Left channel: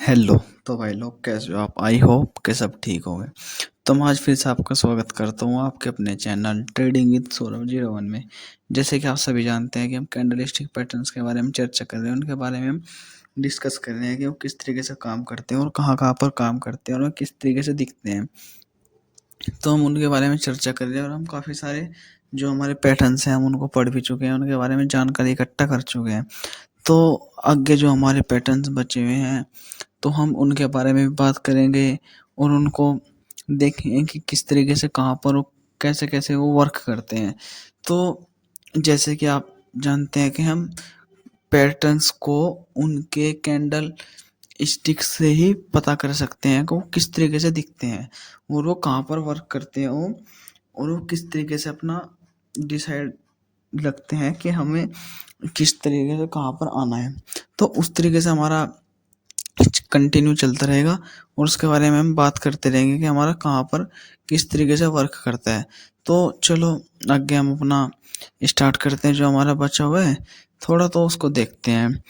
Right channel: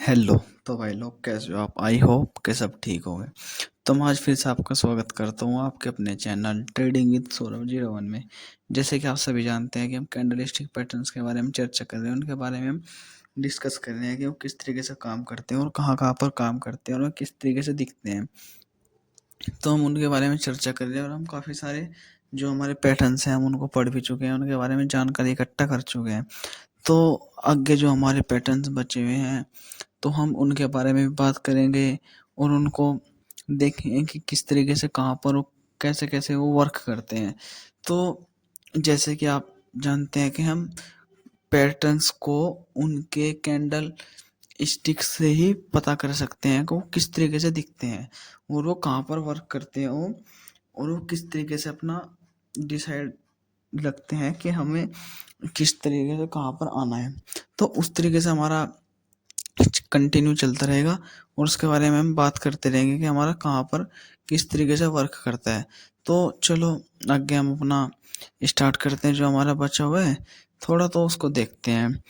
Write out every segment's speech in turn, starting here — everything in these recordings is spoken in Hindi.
हेलो। तो भाई लोग कैसे हो आप? आई होप के सब ठीक होंगे। तो मैं आज फिर से आपका स्वागत करता हूँ आपके अपने चैनल ट्रेडिंग विद सौरभ 01 में। जैसे कि आप सभी जानते हैं कि हम कैंडलस्टिक पैटर्न्स के बारे में चर्चा कर रहे हैं, उनके बारे में हम डिस्कस कर रहे हैं कि वो किस तरीके से काम करते हैं और कहाँ कहाँ पर काम करते हैं और वो किस तरीके से दिखते हैं। तो हम उनके बारे में चर्चा कर रहे हैं और हम काफ़ी सारे जो हमारे पैटर्न्स हैं हम उनको पढ़ भी चुके हैं, उनके बारे में जानकारी इकट्ठा कर चुके हैं। तो आगे जो हमारे पैटर्न्स बचे हुए हैं तो हम उनके बारे में भी बात करेंगे और उनको देखेंगे कि किस तरीके से कहाँ पर वो कैसे कैसे वो वर्क करते हैं। तो जैसे कि आप जानते हैं कि हम पैटर्न्स को उनके कैंडल स्टिक से ही पता कर सकते हैं कि वो किस तरीके से दिखते हैं और वो कहाँ पर वर्क करते हैं और वो किस तरीके से अपना डिसाइड लगते हैं कि हमें किस तरीके से कहाँ पर आना है। तो उस तरीके से हमारा कंटिन्यू चलता रहेगा और उसके बारे में हम बात करते रहेंगे कि हमारा कहाँ पर किस तरीके से वर्क करता है। तो चलो आगे हम अपना स्टार्ट करते हैं। जो हमारा बचा हुआ है थोड़ा तो उसको देखते हैं।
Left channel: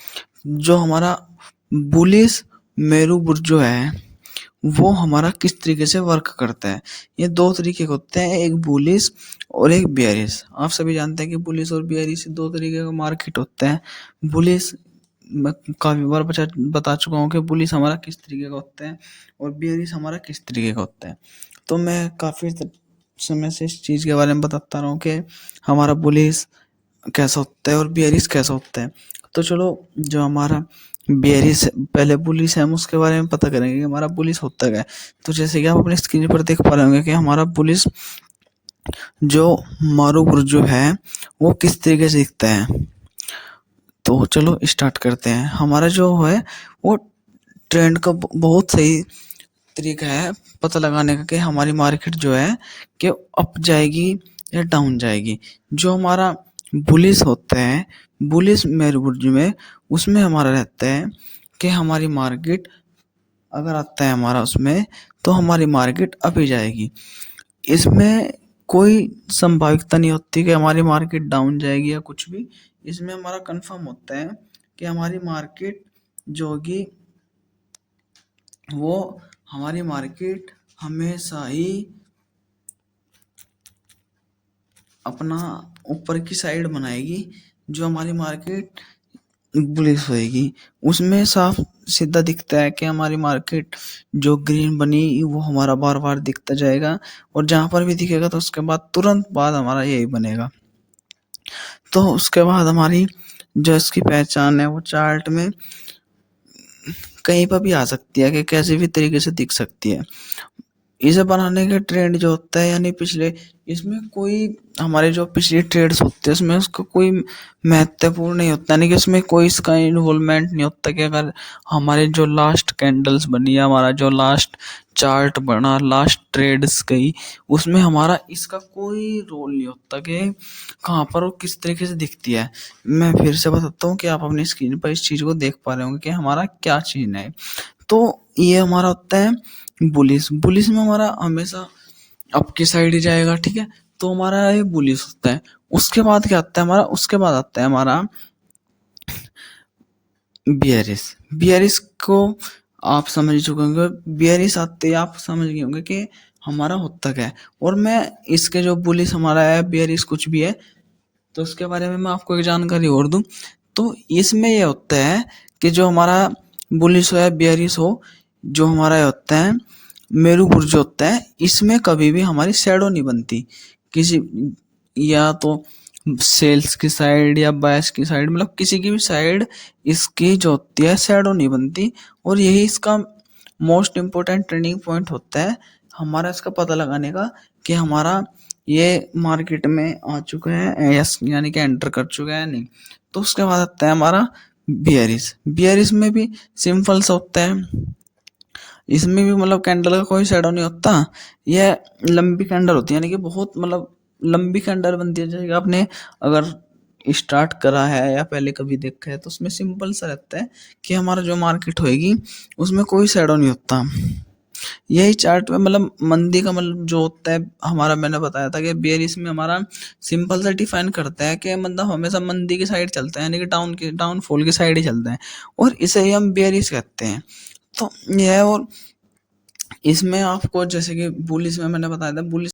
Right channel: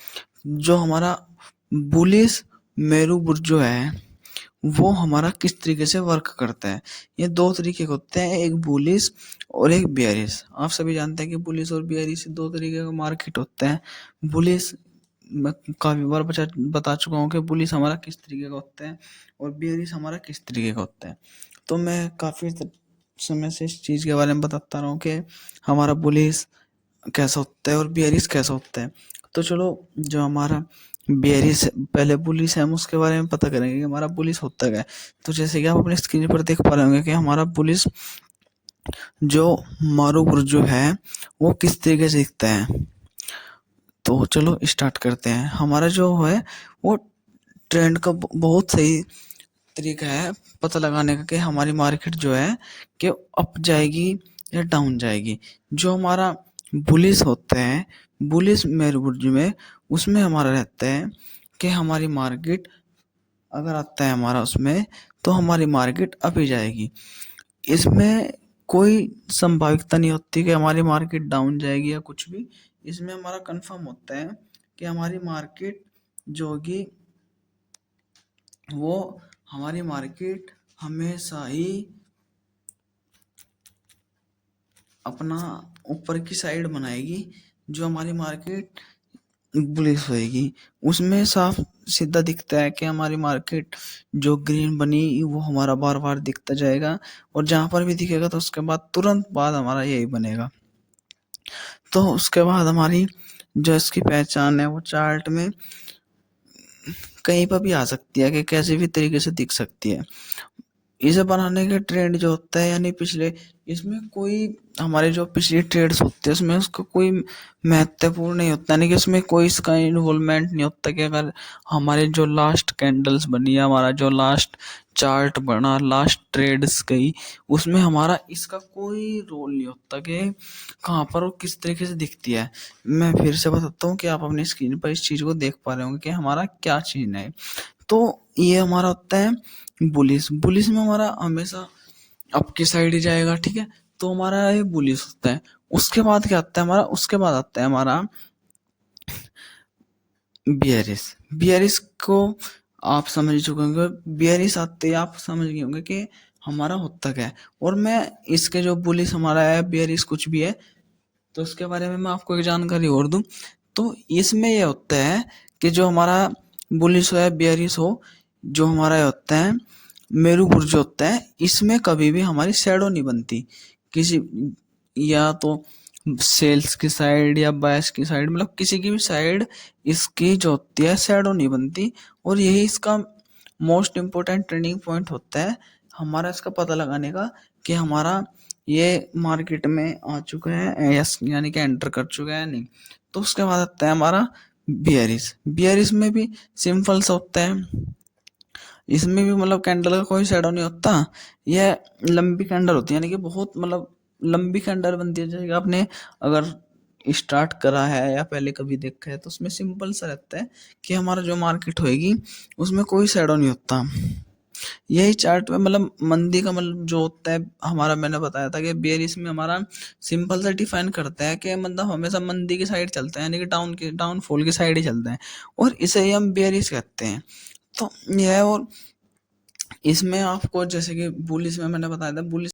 जो हमारा बुलिश मेरू बुर्ज जो है वो हमारा किस तरीके से वर्क करता है। ये दो तरीके के होते हैं, एक बुलिश और एक बियरिश। आप सभी जानते हैं कि बुलिश और बियरिश दो तरीके का मार्केट होते हैं। बुलिश मैं काफ़ी बार बता चुका हूँ कि बुलिश हमारा किस तरीके का होता है और बियरिश हमारा किस तरीके का होता है। तो मैं काफ़ी समय से इस चीज़ के बारे में बताता रहा हूँ कि हमारा बुलिश कैसा होता है और बियरिश कैसा होता है। तो चलो जो हमारा बियरिश पहले बुलिश है हम उसके बारे में पता करेंगे कि हमारा बुलिश होता क्या है। तो जैसे कि आप अपनी स्क्रीन पर देख पा रहे होंगे कि हमारा बुलिश जो मारूपुर जो है वो किस तरीके से दिखता है। तो चलो स्टार्ट करते हैं। हमारा जो है वो ट्रेंड का बहुत सही तरीका है पता लगाने का कि हमारी मार्केट जो है कि अप जाएगी या डाउन जाएगी। जो हमारा बुलिश होता है, बुलिश मेरुबुर्ज में, उसमें हमारा रहता है कि हमारी मार्केट अगर आता है हमारा उसमें तो हमारी मार्केट अप ही जाएगी। इसमें कोई संभाविकता नहीं होती कि हमारी मार्केट डाउन जाएगी या कुछ भी। इसमें हमारा कंफर्म होता है कि हमारी मार्केट जो होगी वो हमारी मार्केट हमेशा ही अपना ऊपर की साइड बनाएगी। जो हमारी मार्केट बुलिश होएगी उसमें साफ सीधा दिखता है कि हमारी मार्केट जो ग्रीन बनी वो हमारा बार बार दिखता जाएगा और जहाँ पर भी दिखेगा तो उसके बाद तुरंत बाद हमारा यही बनेगा। तो उसके बाद हमारी जो इसकी पहचान है वो चार्ट में कहीं पर भी आ सकती है कि कैसे भी तरीके से दिख सकती है। इसे बनाने का ट्रेंड जो होता है यानी पिछले इसमें कोई हमारे जो पिछली ट्रेड्स होते हैं उसमें उसका कोई महत्वपूर्ण नहीं होता, यानी कि उसमें कोई इसका इन्वॉल्वमेंट नहीं होता कि अगर हमारे जो लास्ट कैंडल्स बनी या हमारा जो लास्ट चार्ट बना, लास्ट ट्रेड्स गई, उसमें हमारा इसका कोई रोल नहीं होता कि कहाँ पर वो किस तरीके से दिखती है। मैं फिर से बताता हूँ कि आप अपनी स्क्रीन पर इस चीज़ को देख पा रहे होंगे कि हमारा क्या चीज़ है। तो ये हमारा होता है बुलिश। बुलिश में हमारा हमेशा अप की साइड ही जाएगा, ठीक है। तो हमारा ये बुलिश होता है। उसके बाद क्या आता है हमारा, उसके बाद आता है हमारा बियरिश। बियरिश को आप समझ चुके होंगे। बियरिश आते ही आप समझ गए होंगे कि हमारा होता क्या है। और मैं इसके जो बुलिश हमारा है, बियरिश कुछ भी है, तो उसके बारे में मैं आपको एक जानकारी और दूं। तो इसमें यह होता है कि जो हमारा बुलिश हो या बियरिश हो, जो हमारा ये होता है मेरू बुर्ज होता है, इसमें कभी भी हमारी शैडो नहीं बनती किसी, या तो सेल्स की साइड या बायस की साइड, मतलब किसी की भी साइड इसकी जो होती है शैडो नहीं बनती। और यही इसका मोस्ट इम्पोर्टेंट ट्रेंडिंग पॉइंट होता है हमारा इसका पता लगाने का कि हमारा ये मार्केट में आ चुका है यस, यानी कि एंटर कर चुका है नहीं। तो उसके बाद आता है हमारा बियरिश। बियरिश में भी सिंपल सा होता है। इसमें भी मतलब कैंडल का कोई शैडो नहीं होता। यह लंबी कैंडल होती है, यानी कि बहुत मतलब लंबी कैंडल बनती है। जैसे आपने अगर स्टार्ट करा है या पहले कभी देखा है तो उसमें सिंपल सा रहता है कि हमारा जो मार्केट होएगी उसमें कोई शैडो नहीं होता। यही चार्ट में मतलब मंदी का मतलब जो होता है हमारा, मैंने बताया था कि बेयरिश में हमारा सिंपल सा डिफाइन करता है कि मतलब हमेशा मंदी की साइड चलता है, यानी कि डाउन की डाउनफॉल की साइड ही चलता है और इसे ही हम बेयरिश कहते हैं। तो यह है। और इसमें आपको जैसे कि बुलिश में मैंने बताया था, बुलिश